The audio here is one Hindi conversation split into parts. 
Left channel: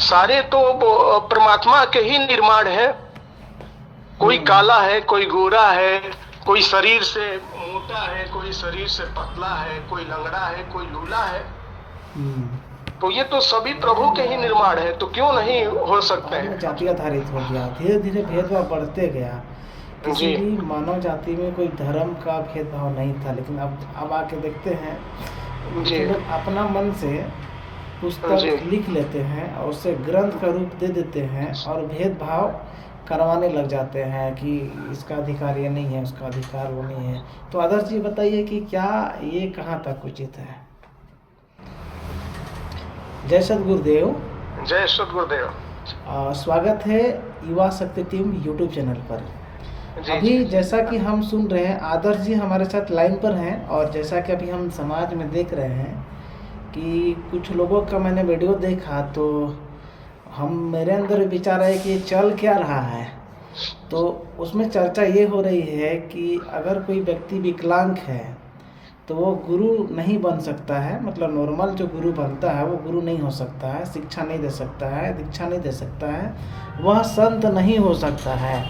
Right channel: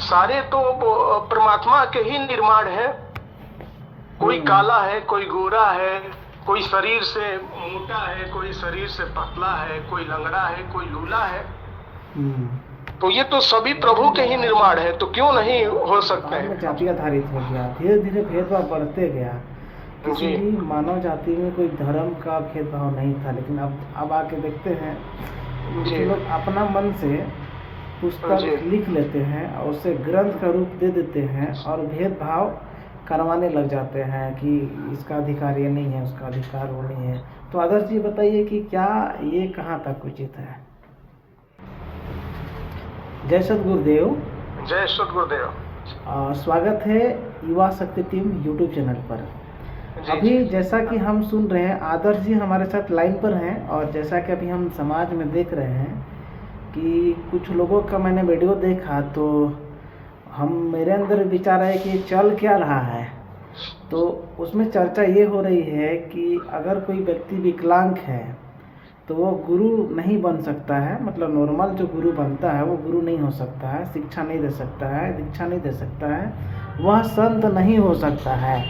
सारे तो परमात्मा के ही निर्माण है। कोई काला है, कोई गोरा है, कोई शरीर से मोटा है, कोई शरीर से पतला है, कोई लंगड़ा है, कोई लूला है। तो ये तो सभी प्रभु के ही निर्माण है, तो क्यों नहीं हो सकते हैं। जाति आधारित हो गया, धीरे धीरे भेदभाव बढ़ते गया। किसी भी मानव जाति में कोई धर्म का भेदभाव नहीं था, लेकिन अब आके देखते हैं कि लोग अपना मन से पुस्तक लिख लेते हैं और उसे ग्रंथ का रूप दे देते हैं और भेदभाव करवाने लग जाते हैं कि इसका अधिकार ये नहीं है, उसका अधिकार वो नहीं है। तो आदर्श जी बताइए कि क्या ये कहाँ तक उचित है। जय सद्गुरुदेव। जय सद्गुरुदेव। स्वागत है युवा शक्ति टीम यूट्यूब चैनल पर। अभी जैसा कि हम सुन रहे हैं, आदर्श जी हमारे साथ लाइन पर हैं और जैसा कि अभी हम समाज में देख रहे हैं कि कुछ लोगों का मैंने वीडियो देखा, तो मेरे अंदर विचार है कि चल क्या रहा है। तो उसमें चर्चा ये हो रही है कि अगर कोई व्यक्ति विकलांग है तो वो गुरु नहीं बन सकता है, मतलब नॉर्मल जो गुरु बनता है वो गुरु नहीं हो सकता है, शिक्षा नहीं दे सकता है, दीक्षा नहीं दे सकता है, वह संत नहीं हो सकता है,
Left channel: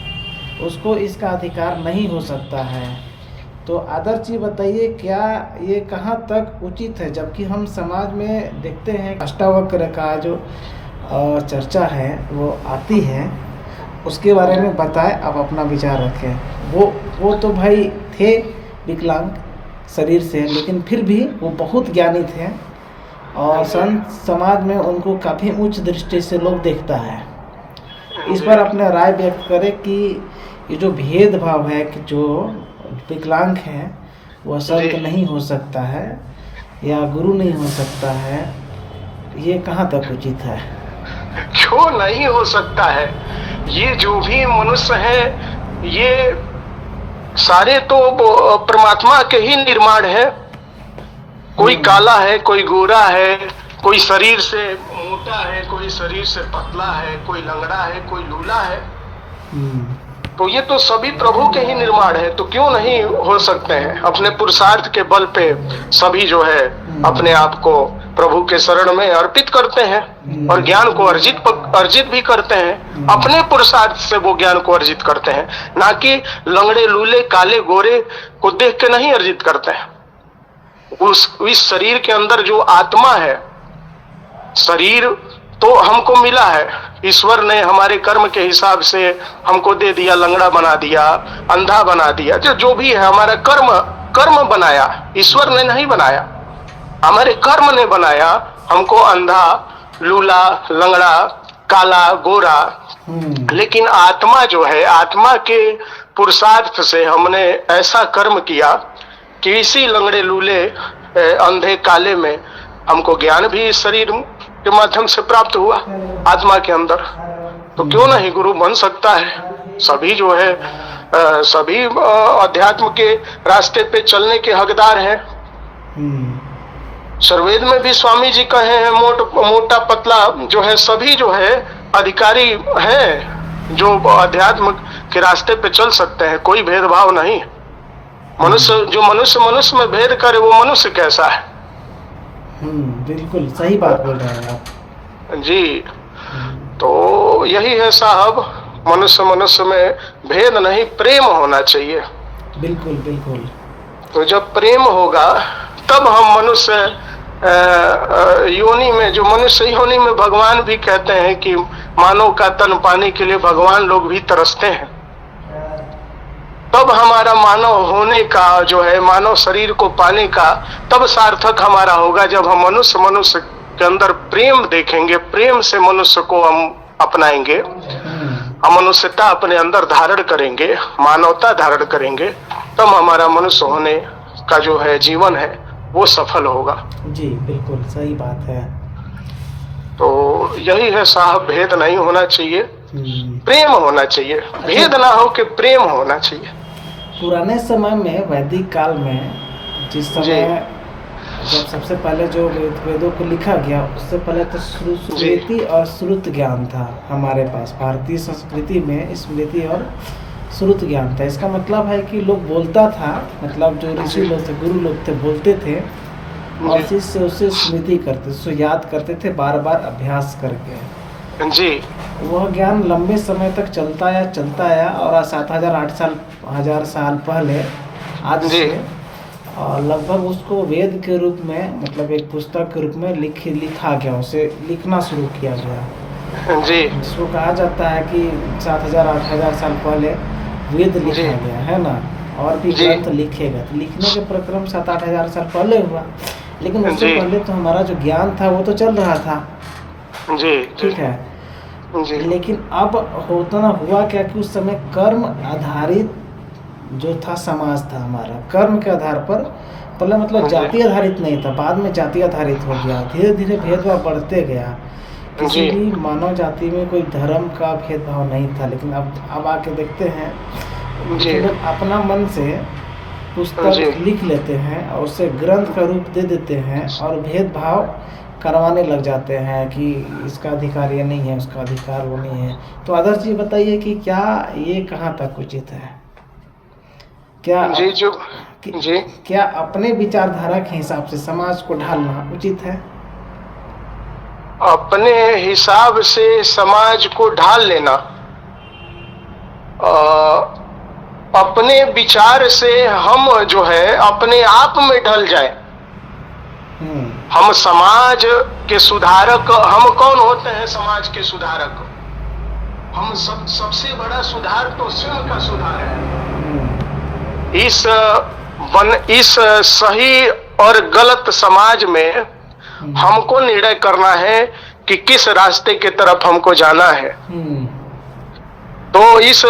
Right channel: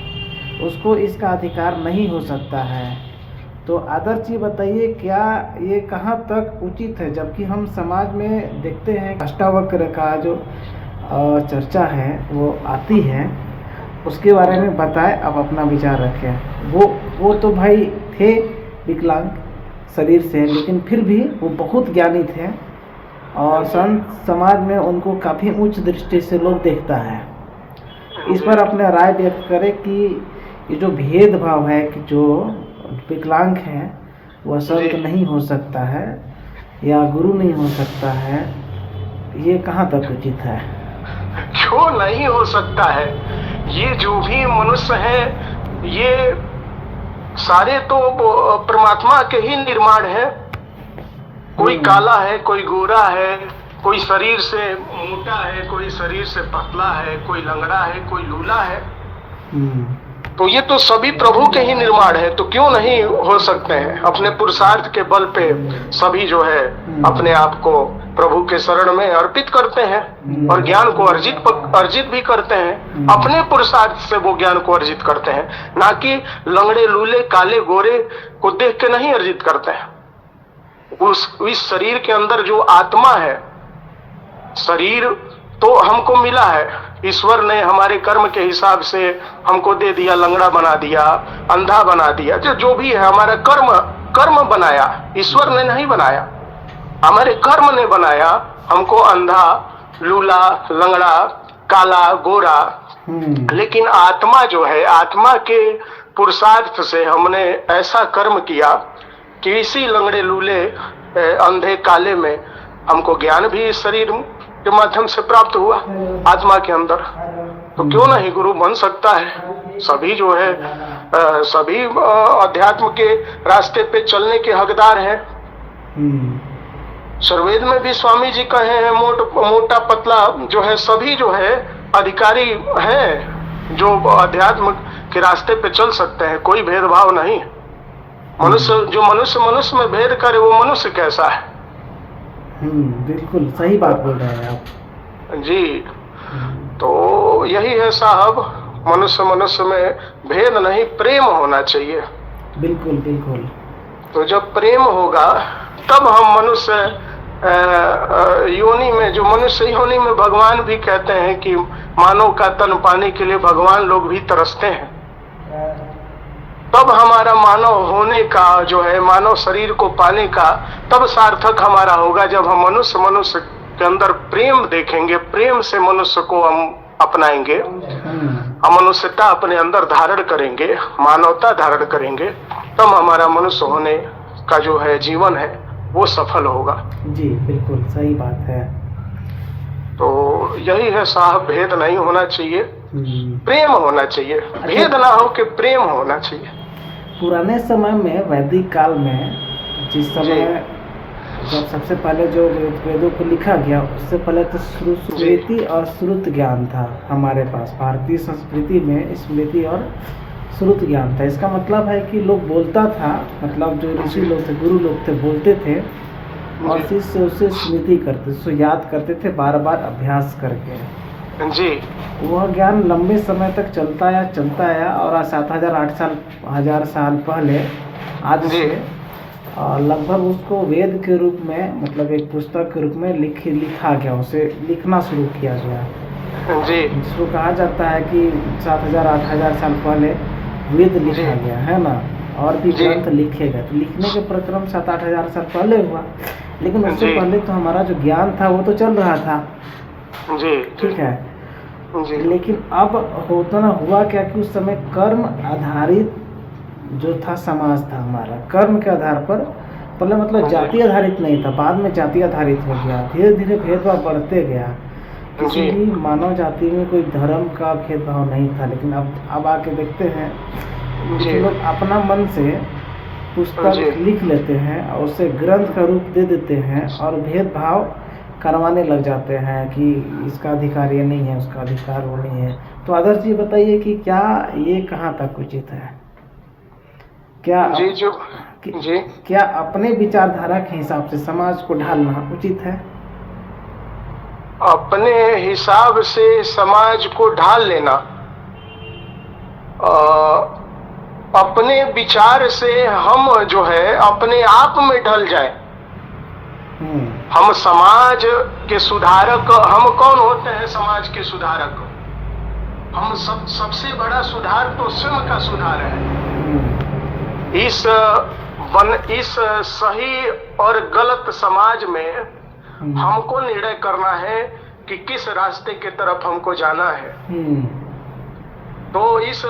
उसको इसका अधिकार नहीं हो सकता है। तो आदर्श जी बताइए, क्या ये कहाँ तक उचित है, जबकि हम समाज में देखते हैं अष्टावक्र का जो चर्चा है वो आती है, उसके बारे में बताएं, आप अपना विचार रखें। वो तो भाई थे विकलांग शरीर से, लेकिन फिर भी वो बहुत ज्ञानी थे और संत समाज में उनको काफ़ी उच्च दृष्टि से लोग देखता है। इस पर अपने राय व्यक्त करें कि ये जो भेदभाव है कि जो विकलांग है वह संत नहीं हो सकता है या गुरु नहीं हो सकता है, ये कहाँ तक उचित है। क्यों नहीं हो सकता है। ये जो भी मनुष्य है ये सारे तो परमात्मा के ही निर्माण है। कोई काला है, कोई गोरा है, कोई शरीर से मोटा है, कोई शरीर से पतला है, कोई लंगड़ा है, कोई लूला है। तो ये तो सभी प्रभु के ही निर्माण है, तो क्यों नहीं हो सकते हैं। अपने पुरुषार्थ के बल पे सभी जो है अपने आप को प्रभु के शरण में अर्पित करते हैं और ज्ञान को अर्जित भी करते हैं। अपने पुरुषार्थ से वो ज्ञान को अर्जित करते हैं, ना कि लंगड़े लूले काले गोरे को देख के नहीं अर्जित करते हैं। इस शरीर के अंदर जो आत्मा है, शरीर तो हमको मिला है, ईश्वर ने हमारे कर्म के हिसाब से हमको दे दिया, लंगड़ा बना दिया, अंधा बना दिया, जो भी है हमारा कर्म बनाया, ईश्वर ने नहीं बनाया, हमारे कर्म ने बनाया हमको अंधा, लूला, लंगड़ा, काला, गोरा। लेकिन आत्मा जो है, आत्मा के पुरुषार्थ से हमने ऐसा कर्म किया कि इसी लंगड़े लूले अंधे काले में हमको ज्ञान भी इस शरीर के माध्यम से प्राप्त हुआ आत्मा के अंदर। तो क्यों नहीं गुरु बन सकता है। सभी जो है सभी अध्यात्म के रास्ते पे चलने के हकदार हैं। सर्वेद में भी स्वामी जी कहे हैं, मोटा पतला जो है सभी जो है अधिकारी हैं जो अध्यात्म के रास्ते पे चल सकते हैं। कोई भेदभाव नहीं। मनुष्य में भेद करे वो मनुष्य कैसा है। बिल्कुल सही बात बोल रहे हैं आप जी। तो यही है साहब, मनुष्य में भेद नहीं, प्रेम होना चाहिए। बिल्कुल बिल्कुल। तो जब प्रेम होगा तब हम मनुष्य योनि में, जो मनुष्य योनि में भगवान भी कहते हैं कि मानव का तन पाने के लिए भगवान लोग भी तरसते हैं। तब हमारा मानव होने का जो है, मानव शरीर को पाने का तब सार्थक हमारा होगा जब हम मनुष्य के अंदर प्रेम देखेंगे, प्रेम से मनुष्य को हम अपनाएंगे, हम मनुष्यता अपने अंदर धारण करेंगे, मानवता धारण करेंगे, तब हमारा मनुष्य होने का जो है जीवन है वो सफल होगा। जी बिल्कुल सही बात है। तो यही है साहब, भेद नहीं होना चाहिए, प्रेम होना चाहिए। भेद ना हो कि प्रेम होना चाहिए। पुराने समय में, वैदिक काल में, जिस समय जब सबसे पहले जो वेदों को लिखा गया, उससे पहले तो स्मृति और श्रुत ज्ञान था हमारे पास। भारतीय संस्कृति में स्मृति और श्रुत ज्ञान था। इसका मतलब है कि लोग बोलता था, मतलब जो ऋषि लोग थे, गुरु लोग थे, बोलते थे और शिष्य उसे स्मृति करते, उसको याद करते थे बार बार अभ्यास करके। जी वह ज्ञान लंबे समय तक चलता आया और आज 7,000 साल पहले आज जी। से लगभग उसको वेद के रूप में, मतलब एक पुस्तक के रूप में लिखा गया, उसे लिखना शुरू किया गया, जी जिसको कहा जाता है कि 7,000-8,000 साल पहले वेद लिखा गया है ना, और भी जी। ग्रंथ लिखे गए। तो लिखने के प्रक्रम 7,000-8,000 साल पहले हुआ, लेकिन उससे जी। पहले तो हमारा जो ज्ञान था वो तो चल रहा था, जी ठीक है। जी लेकिन अब होता ना हुआ क्या कि उस समय कर्म आधारित जो था समाज था हमारा, कर्म के आधार पर, पहले मतलब जी। जाति आधारित नहीं था, बाद में जाति आधारित हो गया, धीरे धीरे भेदभाव बढ़ते गया। किसी जी। भी मानव जाति में कोई धर्म का भेदभाव नहीं था, लेकिन अब आके देखते हैं जी। कि लोग अपना मन से पुस्तक जी। लिख लेते हैं और उसे ग्रंथ का रूप दे देते हैं और भेदभाव करवाने लग जाते हैं कि इसका अधिकार ये नहीं है, उसका अधिकार वो नहीं है। तो आदर्श जी बताइए कि क्या ये कहाँ तक उचित है? क्या जी जो जी क्या अपने विचारधारा के हिसाब से समाज को ढालना उचित है? अपने हिसाब से समाज को ढाल लेना, अपने विचार से हम जो है अपने आप में ढल जाए। हम समाज के सुधारक, हम कौन होते हैं समाज के सुधारक? हम सबसे बड़ा सुधार तो स्वयं का सुधार है। इस सही और गलत समाज में हमको निर्णय करना है कि किस रास्ते की तरफ हमको जाना है। तो इस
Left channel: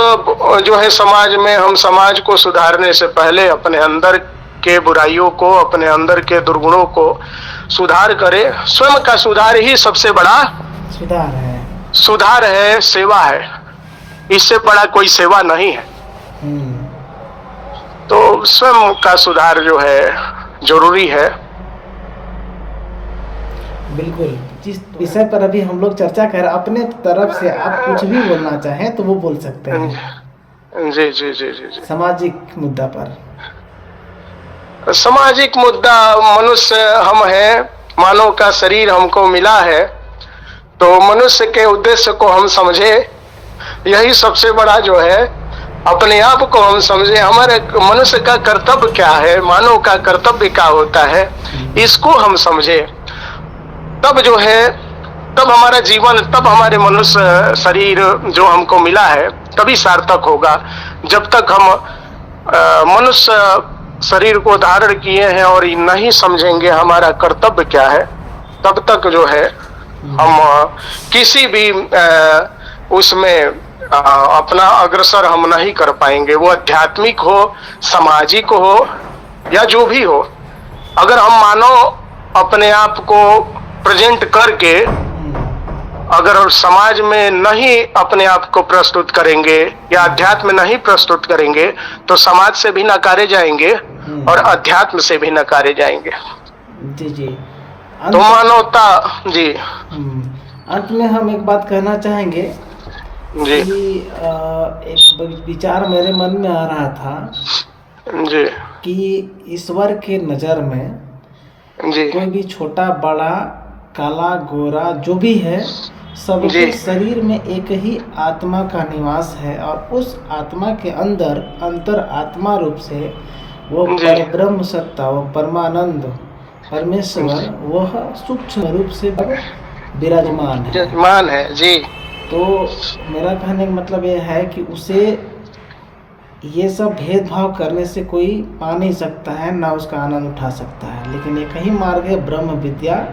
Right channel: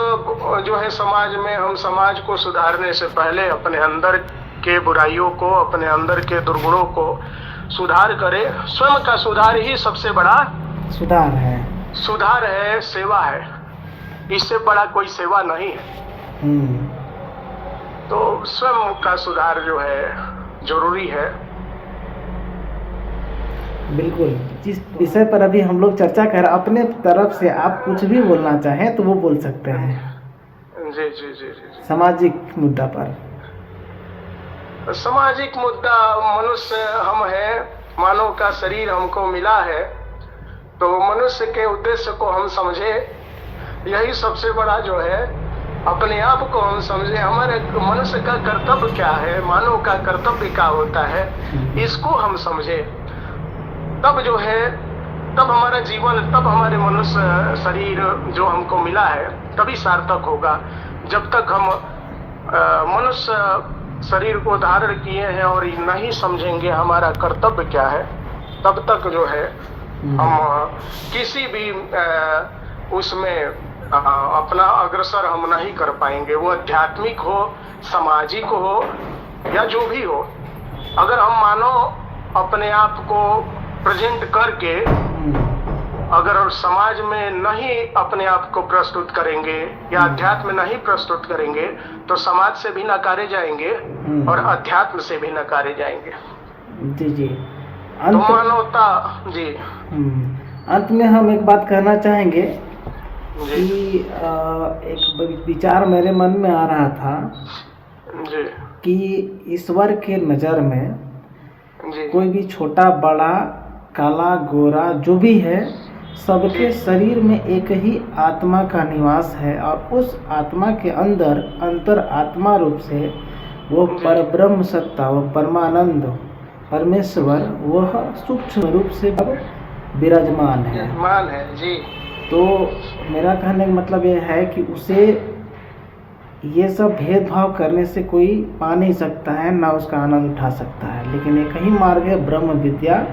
जो है समाज में, हम समाज को सुधारने से पहले अपने अंदर के बुराइयों को, अपने अंदर के दुर्गुणों को सुधार करें। स्वयं का सुधार ही सबसे बड़ा सुधार है, सेवा है। इससे बड़ा कोई सेवा नहीं है। तो स्वयं का सुधार जो है जरूरी है। बिल्कुल। जिस विषय पर अभी हम लोग चर्चा कर, अपने तरफ से आप कुछ भी बोलना चाहें तो वो बोल सकते हैं। जी जी जी जी जी। सामाजिक मुद्दा पर। सामाजिक मुद्दा, मनुष्य हम हैं, मानव का शरीर हमको मिला है, तो मनुष्य के उद्देश्य को हम समझे। यही सबसे बड़ा जो है, अपने आप को हम समझे। हमारे मनुष्य का कर्तव्य क्या है, मानव का कर्तव्य क्या होता है, इसको हम समझे। तब जो है, तब हमारा जीवन, तब हमारे मनुष्य शरीर जो हमको मिला है तभी सार्थक होगा। जब तक हम मनुष्य शरीर को धारण किए हैं और नहीं समझेंगे हमारा कर्तव्य क्या है, तब तक जो है हम किसी भी उसमें अपना अग्रसर हम नहीं कर पाएंगे। वो आध्यात्मिक हो, सामाजिक हो या जो भी हो। अगर हम मानव अपने आप को प्रेजेंट करके अगर समाज में नहीं अपने आप को प्रस्तुत करेंगे या अध्यात्म में नहीं प्रस्तुत करेंगे तो समाज से भी नकारे जाएंगे और अध्यात्म से भी नकारे जाएंगे। जी जी। तो मानवता जी। अंत में हम एक बात कहना चाहेंगे जी। कि एक विचार मेरे मन में आ रहा था जी कि ईश्वर के नज़र में जी कोई भी छोटा बड़ा, काला गोरा जो भी है, सबके शरीर में एक ही आत्मा का निवास है और उस आत्मा के अंदर अंतर आत्मा रूप से वो परब्रह्म सत्ता, वो परमानंद परमेश्वर, वह सूक्ष्म रूप से विराजमान है। जी। तो मेरा कहने का मतलब ये है कि उसे ये सब भेदभाव करने से कोई पा नहीं सकता है, ना उसका आनंद उठा सकता है। लेकिन एक ही मार्ग है ब्रह्म विद्या,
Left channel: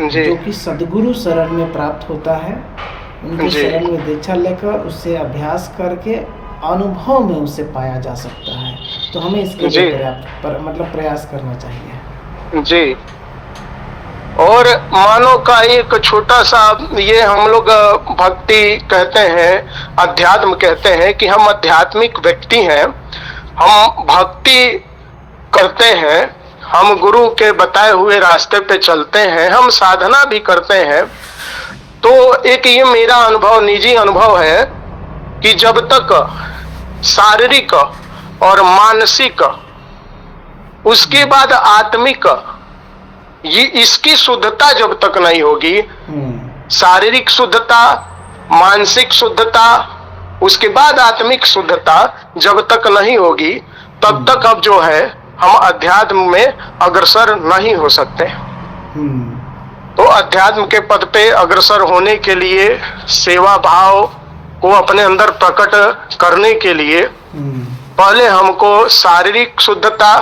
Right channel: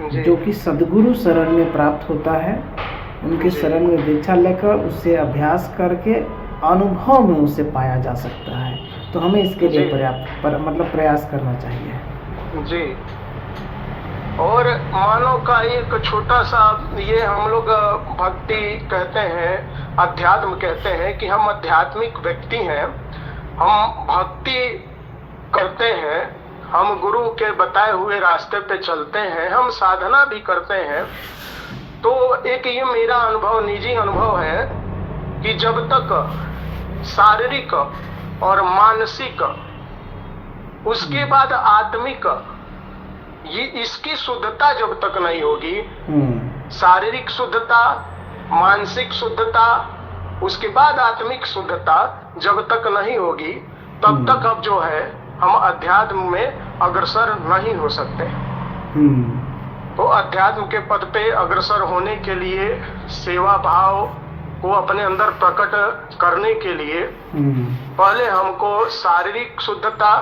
जो कि सद्गुरु शरण में प्राप्त होता है। उनके शरण में दीक्षा लेकर उससे अभ्यास करके अनुभव में उसे पाया जा सकता है। तो हमें इसके लिए पर्याप्त प्रयास करना चाहिए। जी। और मानव का एक छोटा सा, ये हम लोग भक्ति कहते हैं, अध्यात्म कहते हैं कि हम आध्यात्मिक व्यक्ति हैं, हम भक्ति करते हैं, हम गुरु के बताए हुए रास्ते पे चलते हैं, हम साधना भी करते हैं। तो एक ये मेरा अनुभव, निजी अनुभव है कि जब तक शारीरिक और मानसिक, उसके बाद आत्मिक, ये इसकी शुद्धता जब तक नहीं होगी शारीरिक शुद्धता, मानसिक शुद्धता, उसके बाद आत्मिक शुद्धता जब तक नहीं होगी तब तक अब जो है हम अध्यात्म में अग्रसर नहीं हो सकते। तो अध्यात्म के पद पे अग्रसर होने के लिए, सेवा भाव को अपने अंदर प्रकट करने के लिए पहले हमको शारीरिक शुद्धता,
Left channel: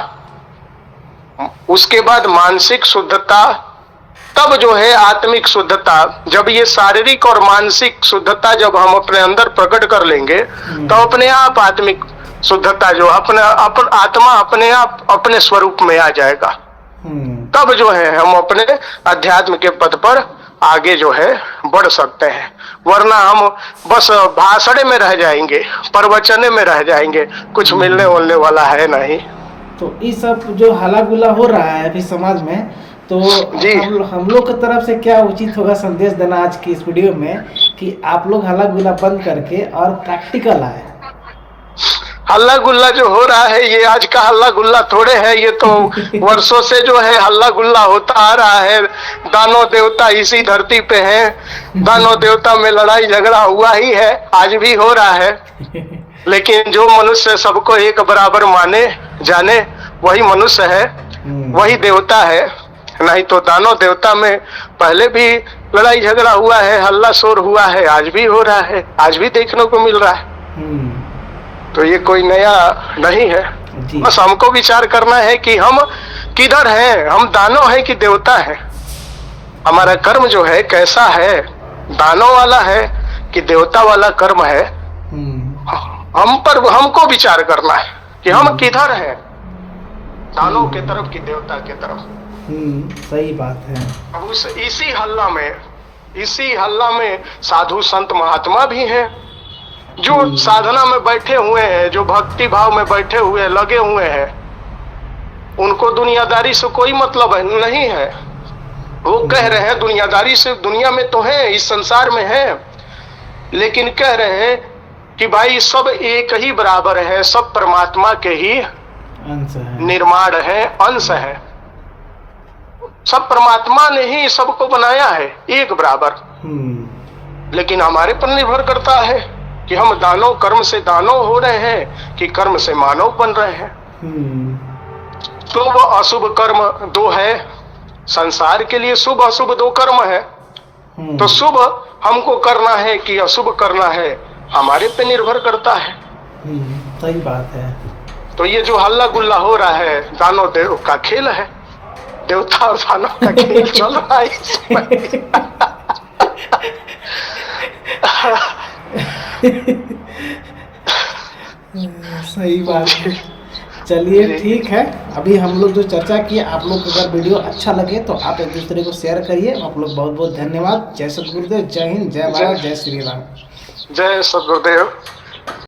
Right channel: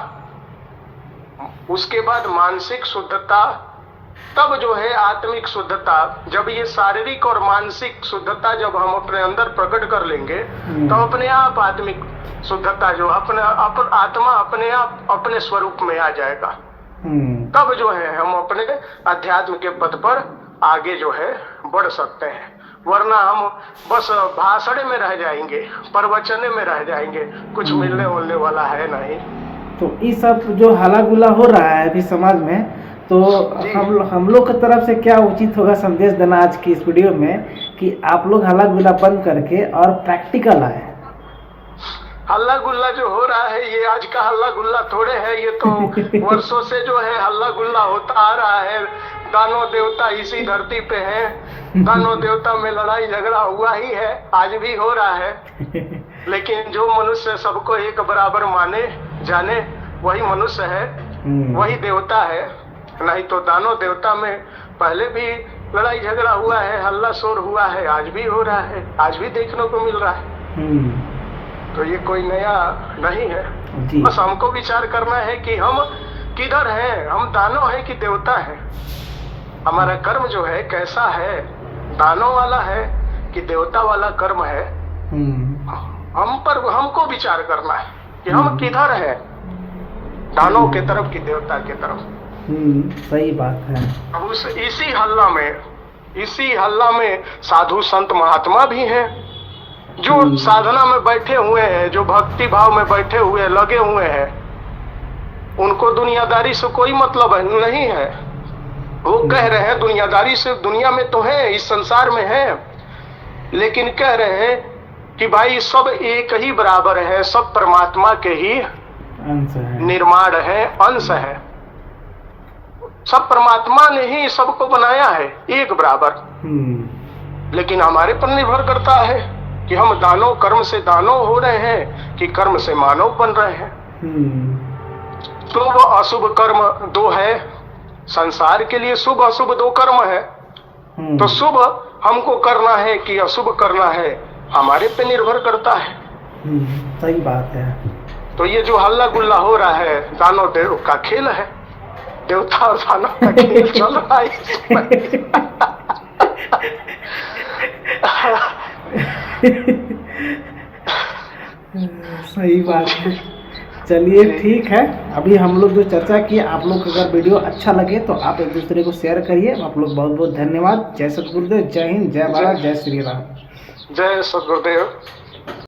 उसके बाद मानसिक शुद्धता, तब जो है आत्मिक शुद्धता। जब ये शारीरिक और मानसिक शुद्धता जब हम अपने अंदर प्रकट कर लेंगे तो अपने आप आत्मिक शुद्धता जो आत्मा अपने आप अपने स्वरूप में आ जाएगा। तब जो है हम अपने अध्यात्म के पद पर आगे जो है बढ़ सकते हैं, वरना हम बस भाषण में रह जाएंगे, प्रवचने में रह जाएंगे, कुछ मिलने वालने वाला है नहीं। तो ये सब जो हल्ला गुल्ला हो रहा है अभी समाज में, तो हम लोग की तरफ से क्या उचित होगा संदेश देना आज की इस वीडियो में कि आप लोग हल्ला गुल्ला बंद करके और प्रैक्टिकल आए। हल्ला गुल्ला जो हो रहा है ये आज का हल्ला गुल्ला थोड़े है, ये तो वर्षों से जो है हल्ला गुल्ला होता आ रहा है। दानव देवता इसी धरती पे हैं, दानव देवता में लड़ाई झगड़ा हुआ ही है, आज भी हो रहा है। लेकिन जो मनुष्य सबको एक बराबर माने जाने वही मनुष्य है, वही देवता है। नहीं तो दानव देवता में पहले भी लड़ाई झगड़ा हुआ है, हल्ला शोर हुआ है, आज भी हो रहा है, आज भी देखने को मिल रहा है। तो ये कोई नया नहीं है। बस हमको विचार करना है कि हम किधर हैं, हम दानव हैं कि देवता हैं, हमारा कर्म जो है कैसा है, दानव वाला है कि देवता वाला कर्म है। हमको विचार करना है कि हम किधर हैं, दानव के तरफ कि देवता के तरफ। सही बात है। अब इसी हल्ला में साधु संत महात्मा भी हैं जो साधना में बैठे हुए हैं, जो भक्ति भाव में बैठे हुए लगे हुए हैं। उनको दुनियादारी से कोई मतलब नहीं है। वो कह रहे हैं दुनियादारी से, दुनिया में तो है, इस संसार में है, लेकिन कह रहे हैं कि भाई सब एक ही बराबर है, सब परमात्मा के ही अंश है, निर्माण है, अंश है। सब परमात्मा ने ही सबको बनाया है एक बराबर। लेकिन हमारे पर निर्भर करता है कि हम दानव कर्म से दानव हो रहे हैं कि कर्म से मानव बन रहे हैं। तो वो अशुभ कर्म दो है, संसार के लिए शुभ अशुभ दो कर्म है। तो शुभ हमको करना है कि अशुभ करना है, हमारे पे निर्भर करता है। सही बात है। तो ये जो हल्ला गुल्ला हो रहा है दानव देव का खेल है, देवता और दानव का खेल चल रहा है। सही बात है। चलिए ठीक है, अभी हम लोग जो चर्चा की, आप लोग अगर वीडियो अच्छा लगे तो आप एक दूसरे को शेयर करिए। आप लोग बहुत बहुत धन्यवाद। जय सतगुरुदेव, जय हिंद, जय भारत, जय श्री राम। जय सतगुरुदेव।